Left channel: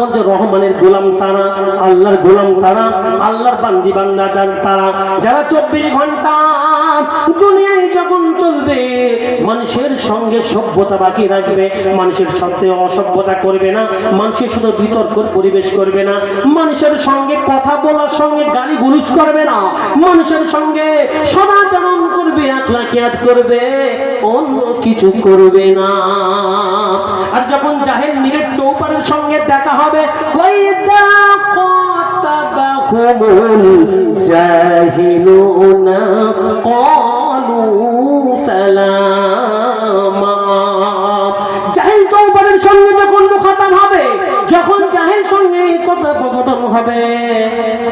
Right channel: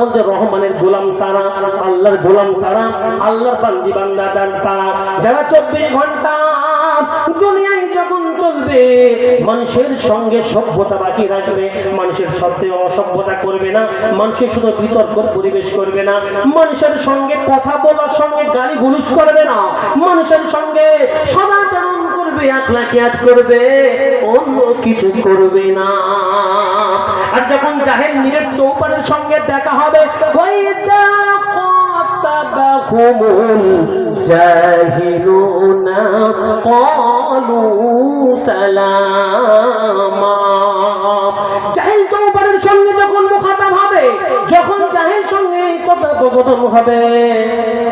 বলছে রহমানের গোলাম তারা, আল্লাহর গোলাম তারা, আল্লাহর বান্দি বান্দা তারা যারা 24 ঘন্টা দুনিয়ায় যখন চলবে মানুষের সঙ্গে সভ্যতা বাকি রাখবে, মানুষের সাথে অসভ্যতা করবে না, মানুষের শুধু বিতর্ক পরিবেশ করবে না, মানুষের সঙ্গে কথা বলার সঙ্গে গালি গুলুজ করবে না, মানুষের সঙ্গে সদাচরণ করবে, আখলাকিয়াত করবে, অন্য কিছু করবে না। আর যখন জাহেল নিজের চৌপানের সঙ্গে দেখা হবে ওয়াইদা قاتبهم الجاهلون قالوا سلاما। জাহেল চৌপানের সঙ্গে যখন মুখাতাব হবে, যখন জাহেল সঙ্গে কথোপকথন হবে,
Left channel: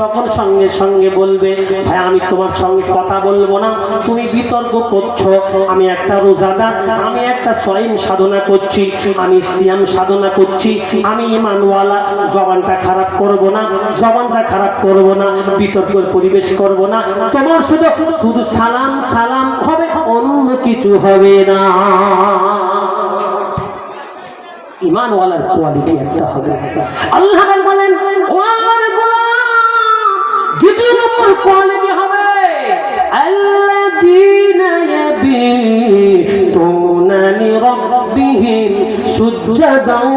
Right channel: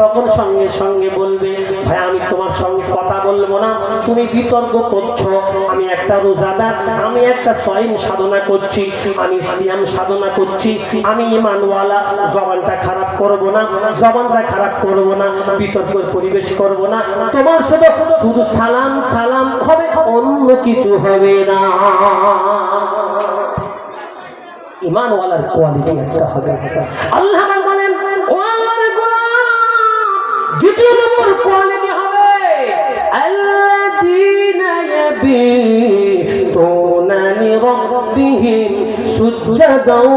তখন সঙ্গে সঙ্গে বলবে ভাই আমি তোমার সঙ্গে কথা বলবো না, তুমি বিতর্ক করছো, আমি একটা রোজাদার, আমি একটা সয়ম সাধনা করছি, আমি সিয়াম সাধনা করছি, আমি ঈমানওয়ালা, জবানটা খারাপ করব না, জবানটা খারাপ করব না, বিতর্ক পরিবেশ করব না, তোমার শুধু সালাম সালাম হবে, অন্য কিছু হবে না। ঈমানওয়ালার কোয়ালিটি একটা হবে। আল্লাহ বলেন ও আল্লাহর গোলাম, দ্বিতীয় নম্বর কোয়ালিটি হবে আল্লাযীনা ইয়াবিতুনা লিরাব্বিহিম সুজদান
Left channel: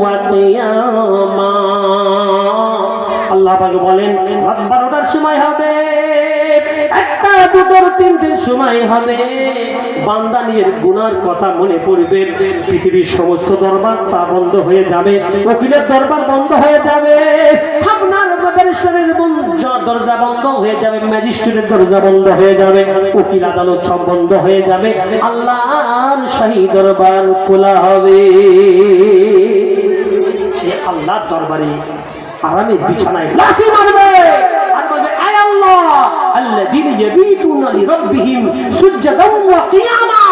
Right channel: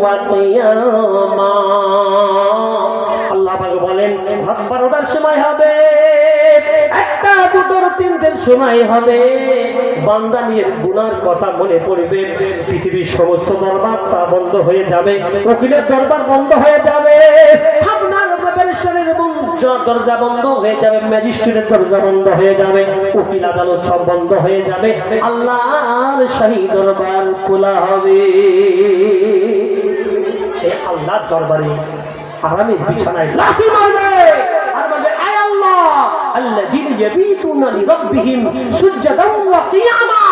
ওয়া কিয়ামা। আল্লাহ পাক বলেন রাত 12টার সময় হবে, 1টা 2টোর 3টের সময় হবে, বান্দা নিজের গুনার কথা মনে পড়বে, পৃথিবীর সমস্ত দরবার তা বন্ধ হয়ে যাবে, উকিলের দরবার বন্ধ হয়ে যাবে, আপনার ব্যারিস্টারের দরজা বন্ধ হয়ে যাবে, ম্যাজিস্ট্রেটের দরজা বন্ধ হয়ে যাবে, উকিল আদালত সব বন্ধ হয়ে যাবে, আল্লাহর শাহী দরবার খোলা হবে। সে আল্লাহর দরবারে আরামের বিছানায় লাথি মারবে আর বলবে আয় আল্লাহ আল্লাযীনা ইয়াবিতুনা লিরাব্বিহিম সুজদান ওয়া কিয়ামা।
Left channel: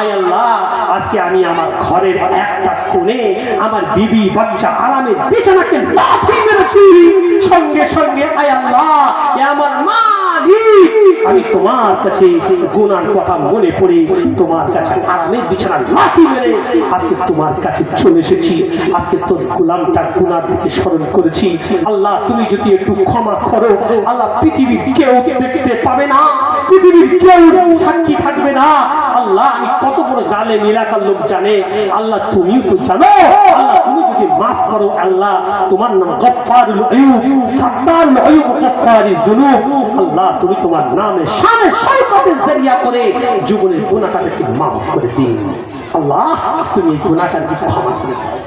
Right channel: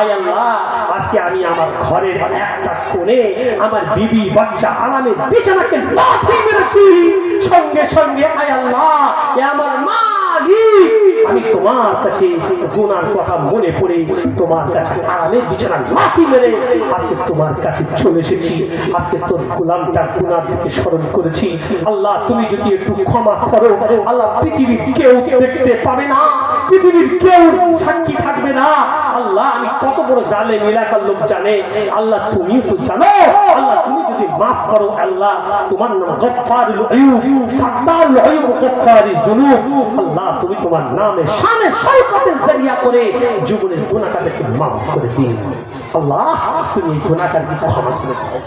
আয় আল্লাহ আজকে আমি আমার ঘরের একটা কোণে আমার বিবি বাচ্চা আরামের বিছানাকে লাথি মেরেছি, সঙ্গে সঙ্গে আয় আল্লাহ এ আমার মালিক, আমি তোমার কাছে গুনার কথা মনে পড়ে তোমার কাছে আরামের বিছানা লাথি মেরে আজকে তোমার কাছে চলে এসেছি, আজকে তোর গোলামটা গুনার দিকে স্মরণ করেছি, আল্লাহ তুমি যদি একটু ক্ষমা করো, আল্লাহ পৃথিবীর কেউ দেখতে পাবে না, পৃথিবীর কেউ সাক্ষী থাকবে না, আল্লাহ আমি কত বড় জালেম এলাকার লোক জানে, আল্লাহ তুমিও তো জানো, আল্লাহ তুমি যদি মাফ করো, আল্লাহ তোমার নাম গফফারুল আইয়ুব, সাত্তারুল আইয়ুব, গফফারিজ যুনুব, আল্লাহ তুমি তোমার নামে শানে শওকতের জরিয়া করে জীবনের গুনাহটাকে মাফ করে দিন, আল্লাহ তুমি এই গুনাহটাকে ক্ষমা করে দাও।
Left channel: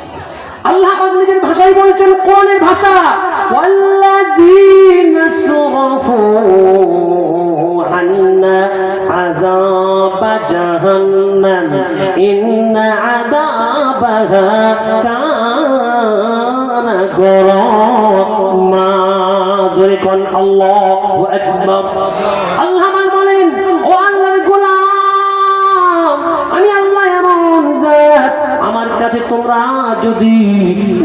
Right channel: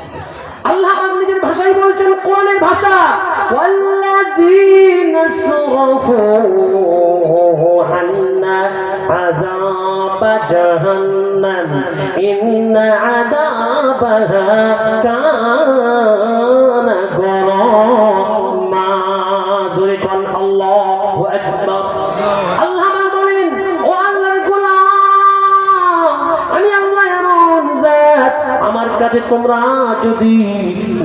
আল্লাহ নিজের ভাষায় বলছেন, কোরআনের ভাষা, ওয়াল্লাযীনা সুরফু আন্না আযাবা জাহান্নাম ইন্না আযাবাহা কানা গরামা। জোরে কোন আল্লাহু আকবার। আল্লাহ বলেন ও আল্লাহর গোলাম, আমি আল্লাহ এমন জাত, আমার কাছে তোমরা যদি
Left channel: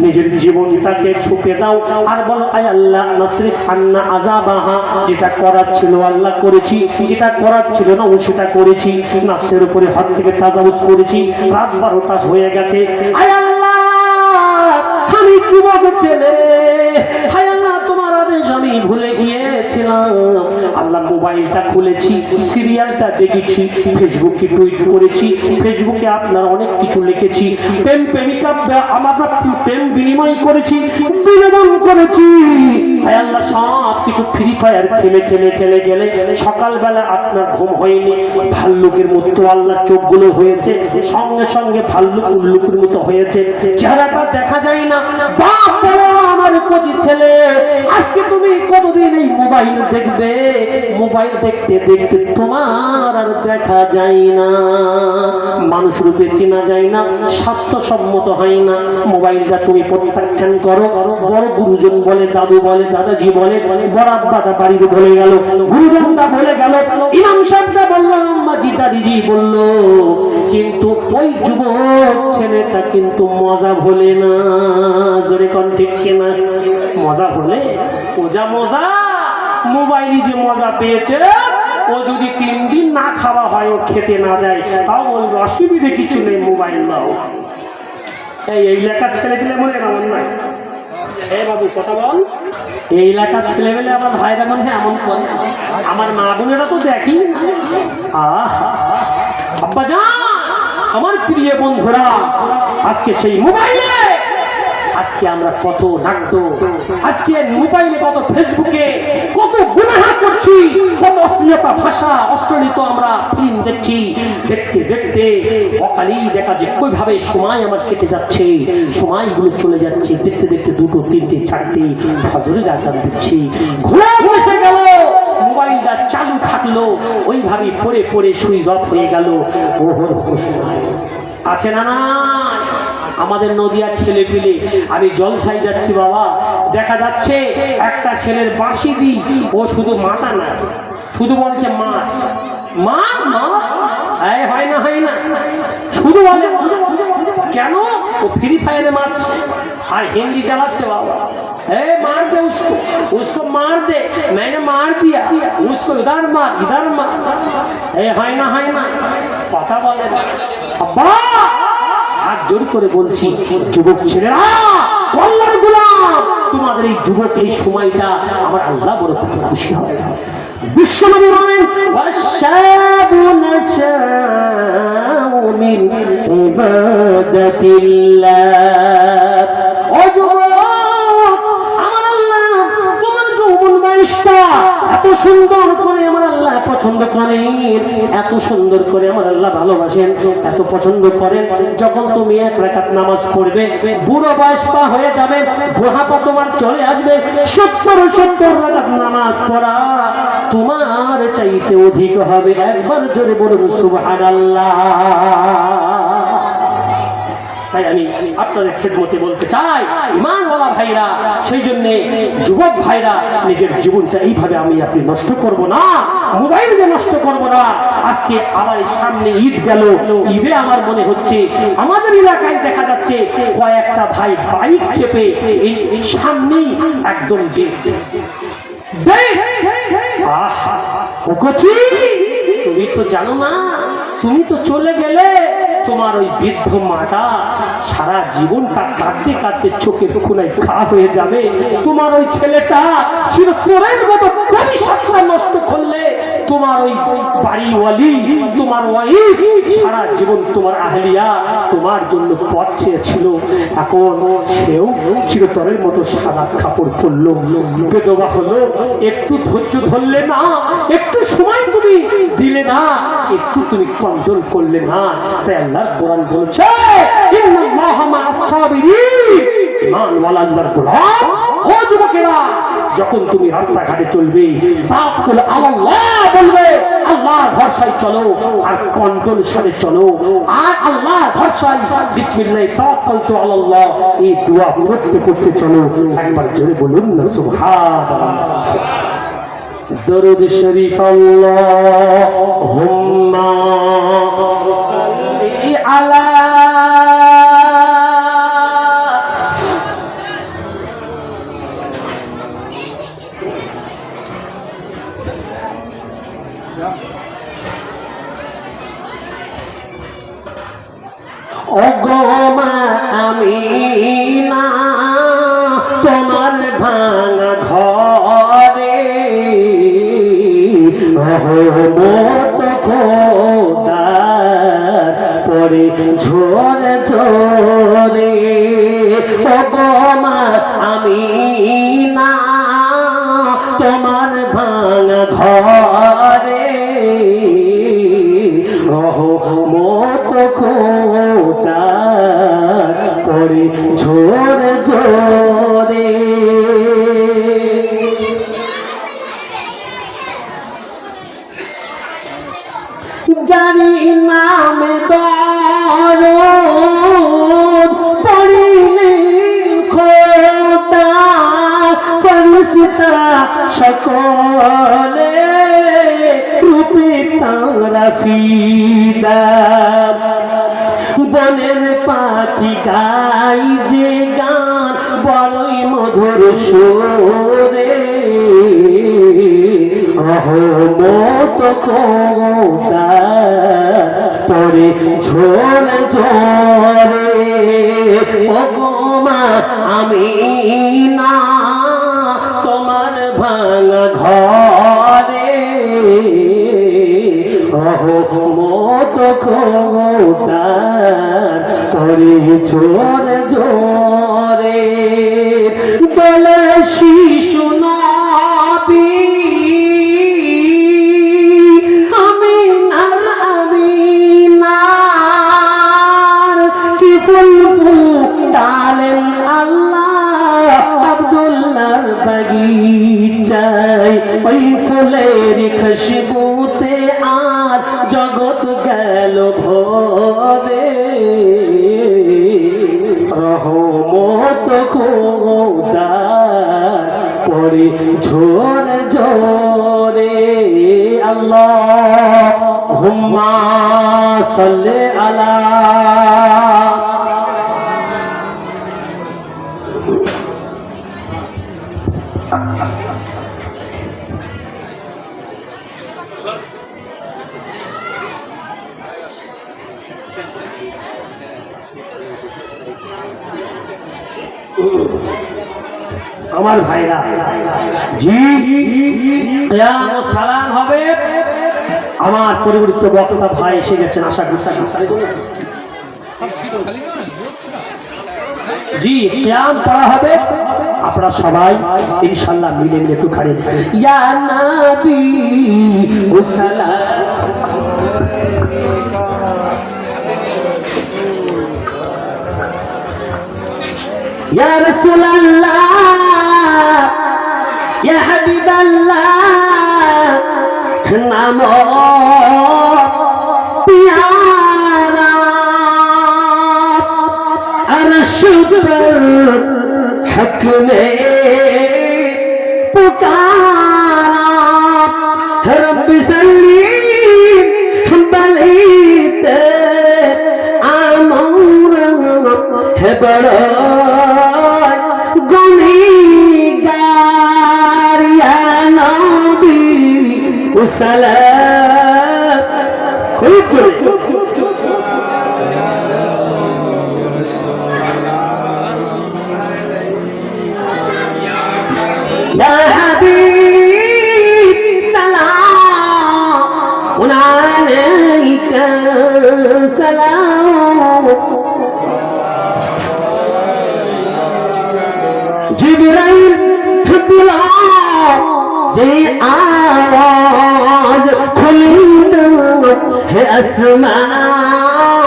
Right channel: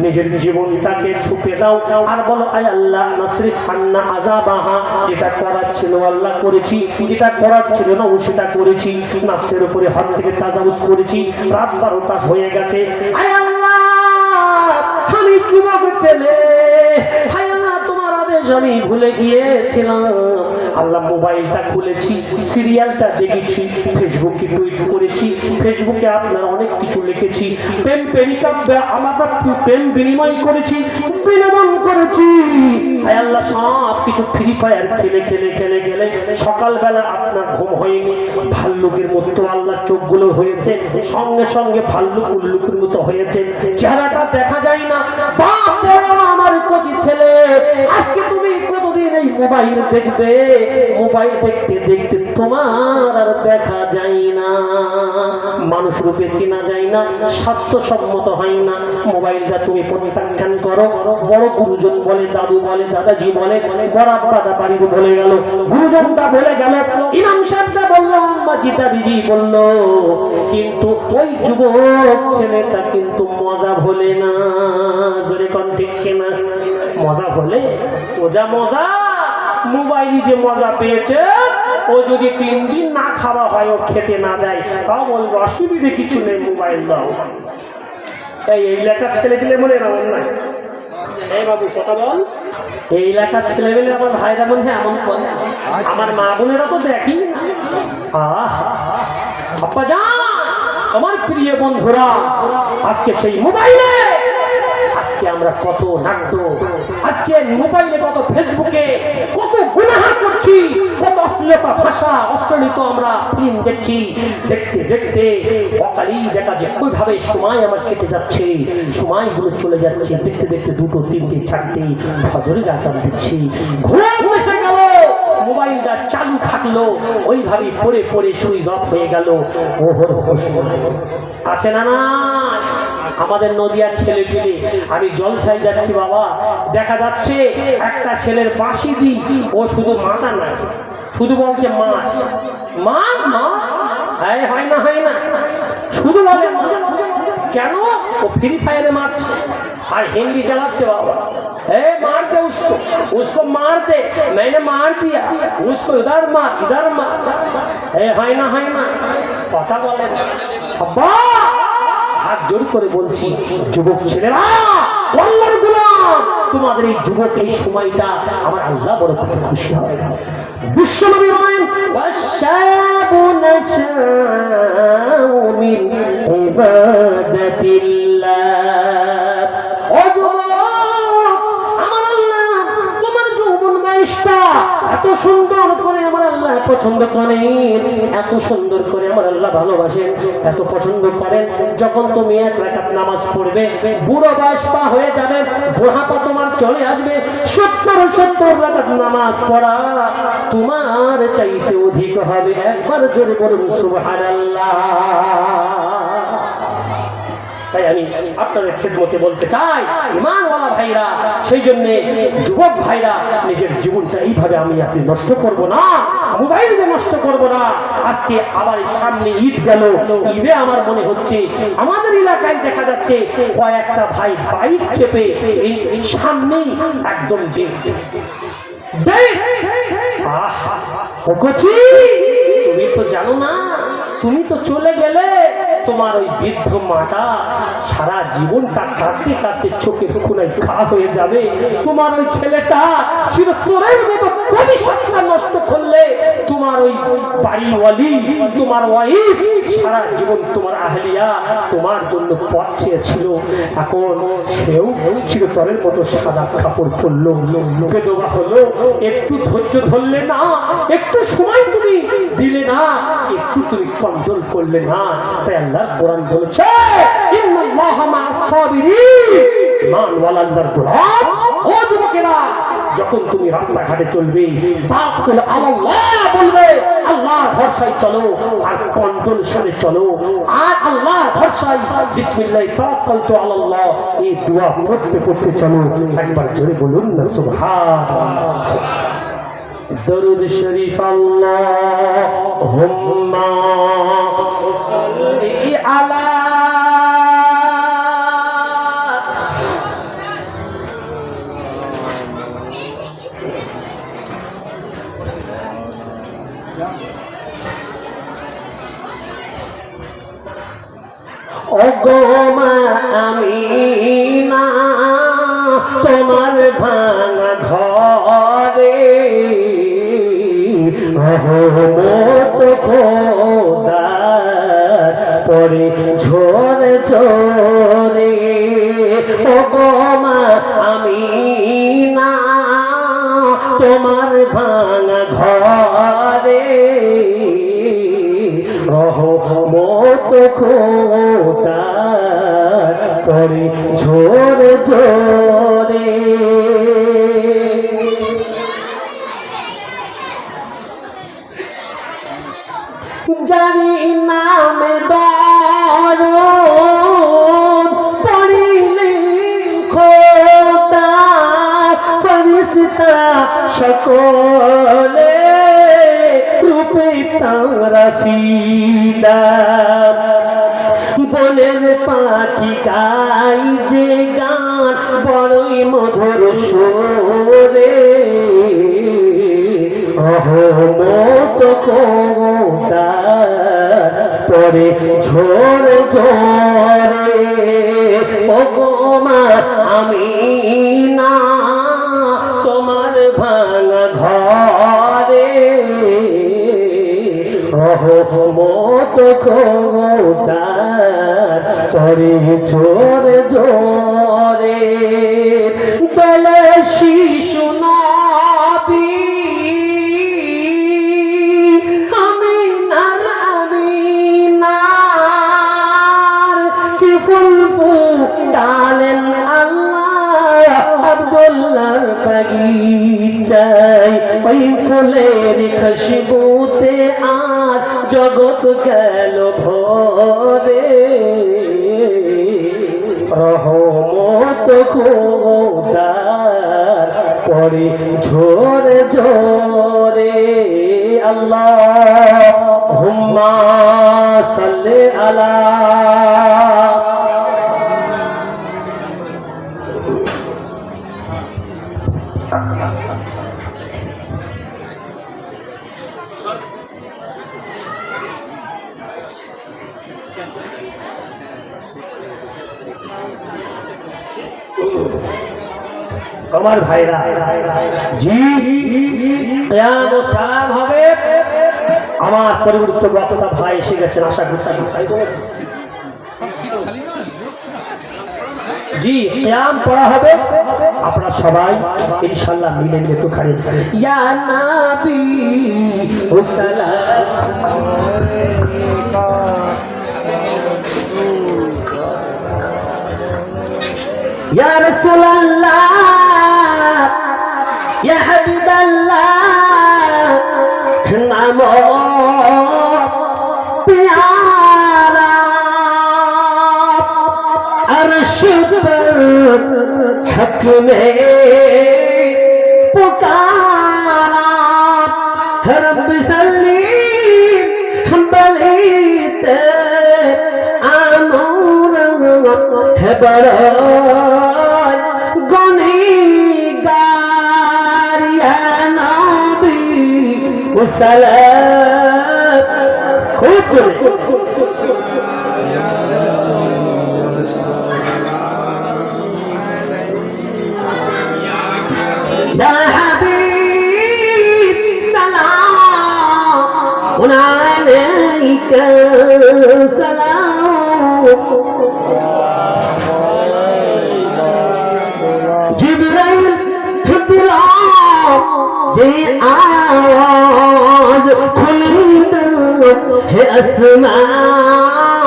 নিজের জীবনটাকে ছুপে দাও আর বলো আয় আল্লাহ নাসরিফ আন্না আযাবাহা, যেটা করার ছিল আল্লাহ করেছি, যেটা করার ছিল না সেটা করেছি, নাফসের উপরে হাত থেকে তাজাউজ করেছি, রাত 12টা হয়ে গেছে, আয় আল্লাহ আমি যুবক ছেলে, আয় আল্লাহ তোমার আদেশ আমি ভুলে গিয়েছিলাম, আল্লাহ মোবাইলটা খুলেছি, সিরিয়ালটা দেখেছি, ফেসবুকে টুইট করেছি, ফেসবুকে আপনার অনেক কিছু লিখেছি, প্রেম প্রেমিকা আমরা প্রেম বিনিময় করেছি, বিনোদন করেছি, আয় আল্লাহ সব কিছু ফ্রি ফায়ার খেলে খেলে খেলে গেলে সকালবেলা আপনার ঘুম হয়নি, ভাল্লুকের মতো আল্লাহ চোখগুলো হয়েছে, সঙ্গে সঙ্গে ভাল্লুক উল্লুকের মতো হয়েছে, চেহারাটা দেখা যায় না, বাপ আমার কচি ছেলে আজকে তুমি কতদিন এই মোবাইল দেখবে, মোবাইল দেখতে দেখতে তোমার আর দেখা যায় না, মানুষ রূপে চেনা যায় না, স্বাস্থ্যসম্মত হয় না, মোবাইলটা তুমি প্রত্যাখ্যান করো। বড় গুরুজন বলে, দাদু বলে, দাদাজি বলে, বড় দাদা বাড়িতে বলে গেল, গুরুজনটা বলে গেল, ইমাম সাহেবটা বলল, আম্মাজি দাদিজি বলল, কিন্তু ওই যুবক ছেলেটা কিন্তু মজা ভোলে না। জোরে কোন ঠিক কিনা? মজা ভোলে? ওজা মজা মোবাইলে যে মজা পেয়েছে, ও যদি 3 দিন না খাওয়া হয়, ও খেতে না দেয়, তাও বলবো অসুবিধে কিছু নেই, মোবাইল দাও। এই এলাকার ছেলে পেলে মনে এমন নাই। এই বাবু কথা বল, এই এলাকার ছেলে পেলে আমার ভাইরা মনে এমন বল, আমার মা বোনেরা তো দেখি। আব্বা জান, আমার প্রিয় বন্ধুরা, আজকে সেই মোবাইলে আজকে আমরা কত নাট্য, আজকে মোবাইলে কত ফেসবুকে কত গুনাহ করছি, কত অশ্লীলতা ভাষা অশ্লীলিত আমরা ফিল্ম দেখছি। দেখতে দেখতে অকালেই দেখা যায় ওইভাবে সময় আমার কেটে যাচ্ছে, সময়গুলো চলে যাচ্ছে। দেখতে দেখতে 2, 3, 4 ফজরের আযান দিচ্ছি, ঘোড়া বসে গেল, মোবাইলটা চালু থাকলো, ওইভাবে পড়ে পড়ে সুইচ অফ হয়ে গেল। ওহর সময় আছে না? না, আমাদের নদিয়ার ছেলে পেলে, আমি জলসাই যাচ্ছি বাবা, দেখা যাচ্ছে একটা ছেলের বাঁশি দি, ও শুধু মাথা না, শুধু বলছে মা মা মা, হয় না হয় না, শুধু বলে কেন? ও ফ্রি ফায়ারে মারছে আর হিন্দি চালাচ্ছে বাবা। मार दे उसको, उसको मार दे, मैंने मार दिया, उसको इधर मार है ना কথা বলে না। আব্বা হাত জোর করে বলছি, যুবক ছেলেরা, আল্লাহর গোলাম, তোমাদের এই যুবক এই সময়টা আমার আল্লাহ বড় খুশি হবে। বিশ্বনবী বলেন, ওয়াশাবু নাশাউ মিন ইবাদাতিল্লাহ। ও যুবক, আমার আল্লাহ তোমার যৌবন বয়সটা এত সুন্দর করে আমার আল্লাহ পছন্দ করেন, এত সুন্দর করে আমার আল্লাহ ভালোবাসেন, এত পছন্দ করেন। যখন তুমি 1 রাকাত নামাজ পড়বে, বুড়ো বয়সটা হয়ে যাবে, বুড়াপা তোমার চলে আসবে, 70 রাকাত নামাজ পড়া তোমার চাইতে অধিক হবে। একবার জোরে বলুন সুবহানাল্লাহ। তাই আমি আপনাদের খেদমতে বলতে চাই, ঈমানওয়ালা ভাইরা, সেই জন্য যুবক ভাইরা, নিজের জীবনটা এইভাবে আমি আপনি নষ্ট করব না, মোবাইল দিয়ে নষ্ট করব না। আজকে আবার এই সামনে ঈদ গেল, ঈদে আমার মনে হচ্ছে আমাদের এলাকায় দেখা যাচ্ছে কয়েকটা ভাই বাইক চেপে এই সামনেই একদম তুমি তো জানো না, তুমি তো চলে গেলে, তোমার ওই বৃদ্ধ মাটা সারা জীবনটা কাঁদতে কাঁদতে চোখের কোনায় ঘা হয়ে যাবে। তোমার ওই ছেলেটা চিরতরের মতো ভবিষ্যৎটা নষ্ট করলে, তোমার ওই বাড়িওয়ালি, তোমার ওয়াইফ সারা জীবন, তোমার আহলিয়া তোমার জন্য পথ চেয়েছিল, এখন সেও চিরতরের মতো সাদা কাপড় পরলো, বেদবা হলো। একটু ধৈর্য ধরলে না, একটু সময় তুমি দিলে না, একটু তুমি কন্ট্রোল করলে না। তাই আল্লাহর কোরআন বলছে, ইন্নাল্লাহা মা'আস সাবিরিন। ঈমানওয়ালা আল্লাহর গোলাম, ও যুবকেরা, যখন তুমি রাস্তাঘাটে চলবে, তাওয়াক্কুল আলাল্লাহ বলবে, আল্লাহর ভরসায় চলো, আর কন্ট্রোল সাথে চলো, আর আল্লাহর ভরসায় বিসমিল্লাহ তাওয়াক্কালতু আলাল্লাহ এই দোয়া করতে করতে চলো। একবার জোরে বলুন না সুবহানাল্লাহ। দরুদ শরীফ, আল্লাহুম্মা সাল্লি আলা ওগো আমিনা, তোমার ভাঙা ঘরে রহমত খোদার পরে ঝরে ঝরে। ওগো আমিনা, তোমার ভাঙা ঘরে রহমত খোদার পরে ঝরে ঝরে। জানি নামে দরদ পড়িলে খোদা, ফেরেশতা সকলে রূপে তারা ফিদা। বনের পাখি গাই যে গান বড়ই মধুর সুরে, রহমত খোদার পরে ঝরে ঝরে। ওগোমা আমি না তোমার ভাঙা ঘরে রহমত খোদার করে জোরে জোরে বলে শিশু নবী ডালেন আল্লাহ আব্দুল্লাহর বাগিচায় ওই ফুলের খুশবুতে আর জগৎ গেল ভরে রহমত খোদার পড়ে ঝোরে ঝোরে আল্লাহুম্মা সাল্লি আলা আমার ভাইরা জি কিয়াম ও সালাম হবে আমার পরিবর্তিত বক্তা ভাই এসে গেছেন আশা করছি জি কিয়াম পড়া হবে আপনারা সবাই ইনশাআল্লাহ মিলে মিলে একটু খাড়ি ইয়া নবী ও সালাম يا رسول الله يا حبيب الله نام प्यारा अर्श पर हक में पुकारा रब सल्ली बलीत आमोर है बड़ा سلام يا حبيب سلام عليك سلام جبريل بلا جي आवाज खुलिंद है आसमान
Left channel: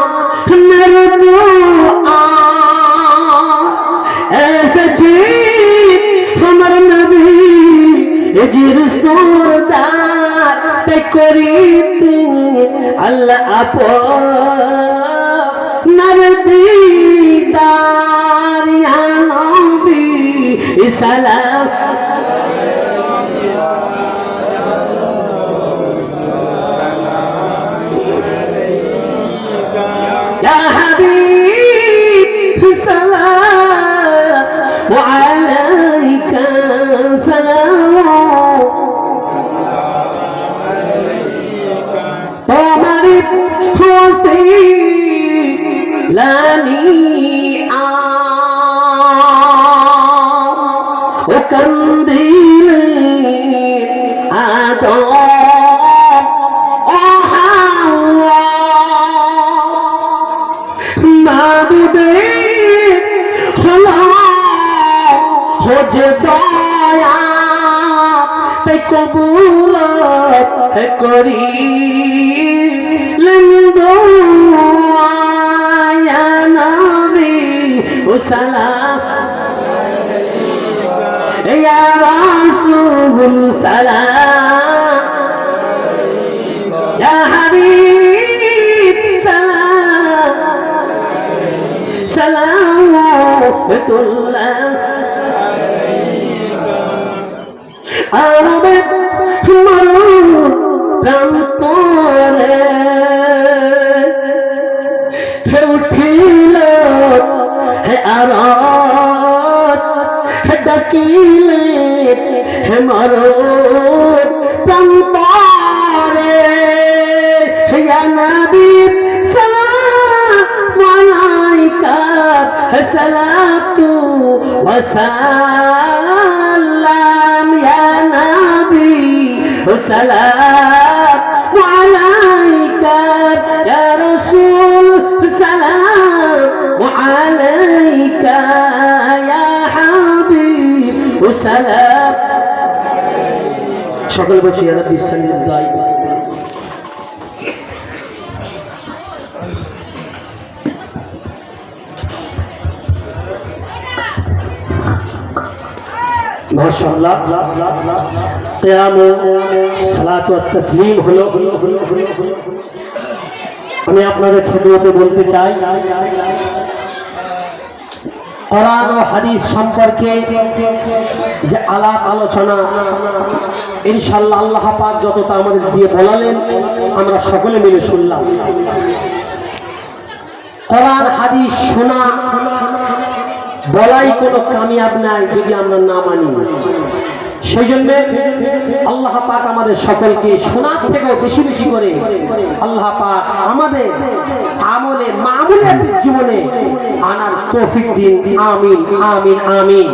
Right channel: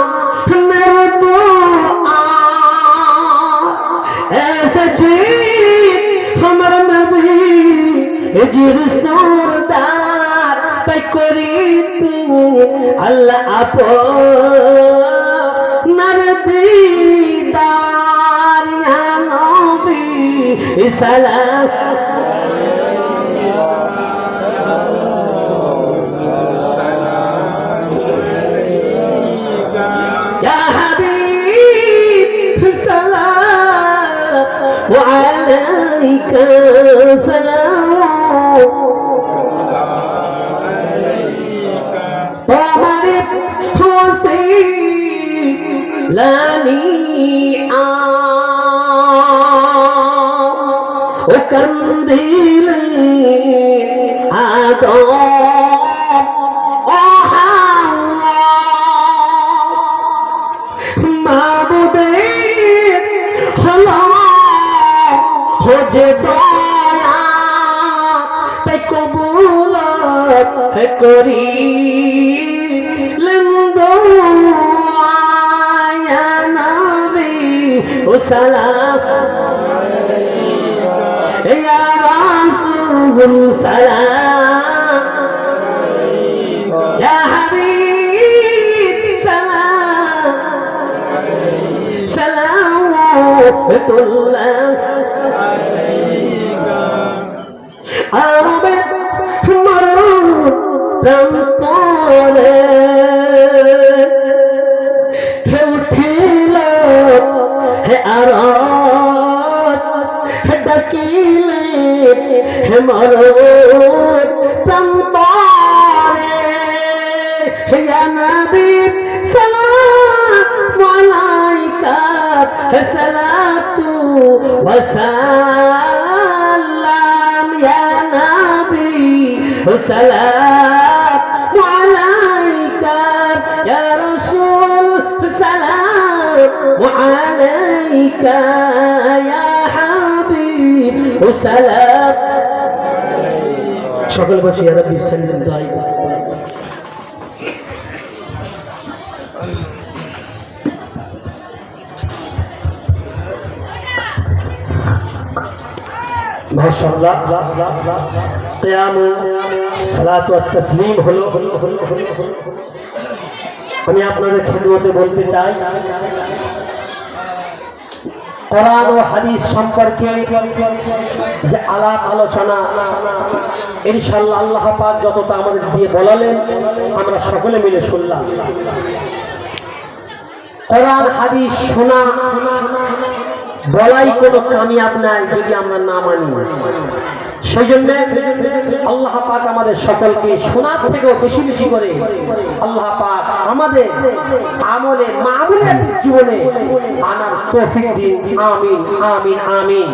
मेरे दुआ ऐसे चीज हमारे नबी जिर सोरदार ते करीते अल्लाह आपो नबीदार या नबी सलाम وعليك سلام عمر حسين لاني وكنديل آدم করি লম্বা নবী ও সালাম ইয়া রাসূল সালাম ইয়া হাবিব সালাম সালাওয়াতুল্লাহ আলাইকা প্রান্তরে হে উঠিল হে আরাত হে ডাকিলে হে মারত প্রান্তরে হে নবী সালাম আলাইকা সালাতু ওয়া সালাম ইয়া নবী সালাতু আলাইকা ইয়া রাসূল সালামু আলাইকা ইয়া হাবিব সালাম। সকল বলছি ইয়া নবী সাল্লাল্লাহু আলাইহি ওয়াসাল্লাম। মাশাআল্লাহ কিয়াম সালাত ওয়া তাসলিম হলো। আমি আপনাদের খেদমতে বলতে চাই, কোরআন ও হাদিস সম্পর্কে যে আলাপ আলোচনা ইনশাআল্লাহ আল্লাহ পাক যতটা আমাদের দিয়ে বলালেন আমরা সকলে মিলে শুনলাম। কোরআন হাদিস শোনা বলাই কোনো কামিয়াব নাই যদি আমরা না মানি। সেই জন্য আল্লাহ পাক আমাদের সকলকে শোনার থেকেও বেশি বেশি করে আল্লাহ পাক আমাদের আমলে মামুলিয়াত জীবনে আনার তৌফিক দিন। আমিন আমিন আমিন।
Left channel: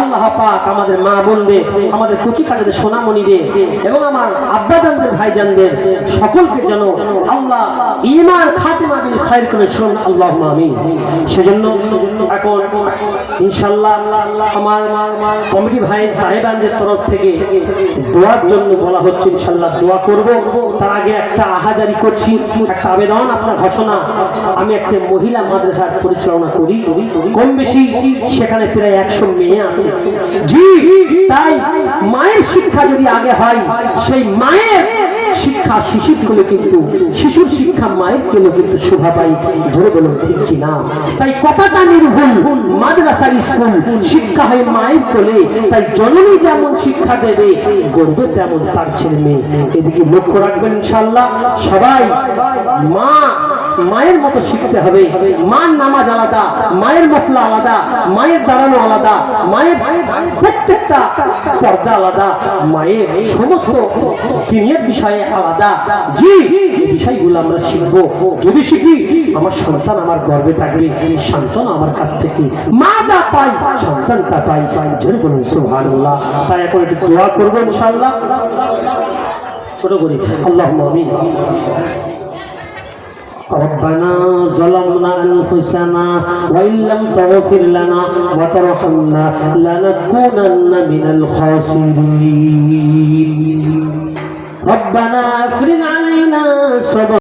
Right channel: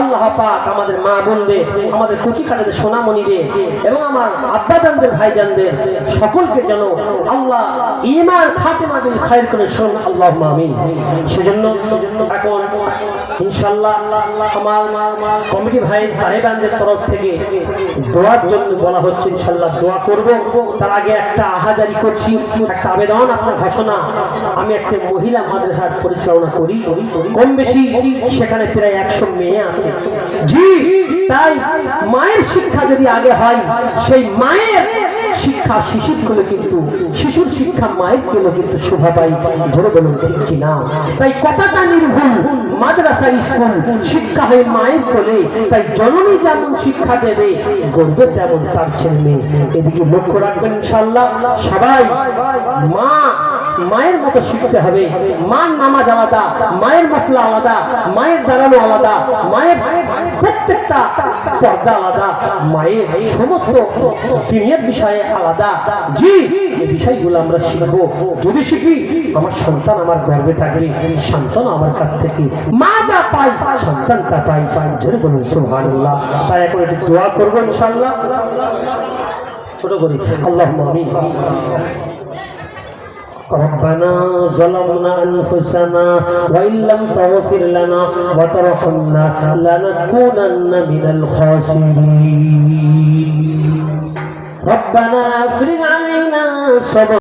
আল্লাহ পাক আমাদের মা বোনদের, আমাদের কুচি কাটাদের সোনামণিদের এবং আমার আব্বাজানদের ভাইজানদের সকলকে যেন আল্লাহ ঈমান খাতেমা বিল খায়র করে শুন। আল্লাহুম্মা আমিন। সেজন্য এখন ইনশাআল্লাহ আমার কমিটি ভাই সাহেবানদের তরফ থেকে দোয়ার জন্য বলা হচ্ছে, ইনশাআল্লাহ দোয়া করব। তার আগে একটা আহাজারি করছি, একটা আবেদন, আপনার ঘোষণা। আমি একটা মহিলা মাদ্রাসার পরিচালনা করি, কম বেশি সেখানে প্রায় 100 মেয়ে আছে। জি, তাই মায়ের শিক্ষা যদি আগে হয়, সেই মায়ের শিক্ষা শিশুর কোলে কিন্তু, শিশুর শিক্ষা মায়ের কোলে কিন্তু শোভা পাই। ধরে বলুন ঠিক কিনা? তাই কথাটা নির্ভুল, মাদ্রাসা স্কুল শিক্ষা হয় মায়ের কোলে। তাই জননী যেমন শিক্ষা দেবে, গড়বে তেমন তার ছেলে মেয়ে। এদিকে লক্ষ্য রাখবেন ইনশাআল্লাহ সবাই। মা মায়ের মতো শিখতে হবে। মার নামাজ আলাদা, মায়ের মশলা আলাদা, মায়ের দাঁড়ানো আলাদা, মায়ের প্রত্যেকটা পর্দা আলাদা, মায়ের সমস্ত দিনের বিষয়ে আলাদা। জি, এই বিষয়গুলো আমরা শিখবো। যদি শিখি আমার সন্তান আমার গর্বে থাকবে, সন্তান আমার কাছ থেকে মা যা পাই সন্তান তা পাই। জোরে বলুন সুবহানাল্লাহ। তাই এখন একটু দোয়া করবো ইনশাআল্লাহ ছোট করি। আল্লাহুম্মা আমিন। ربنا ظلمنا أنفسنا وإن لم تغفر لنا وترحمنا لنكونن من الخاسرين. ربنا افرغ علينا صبرا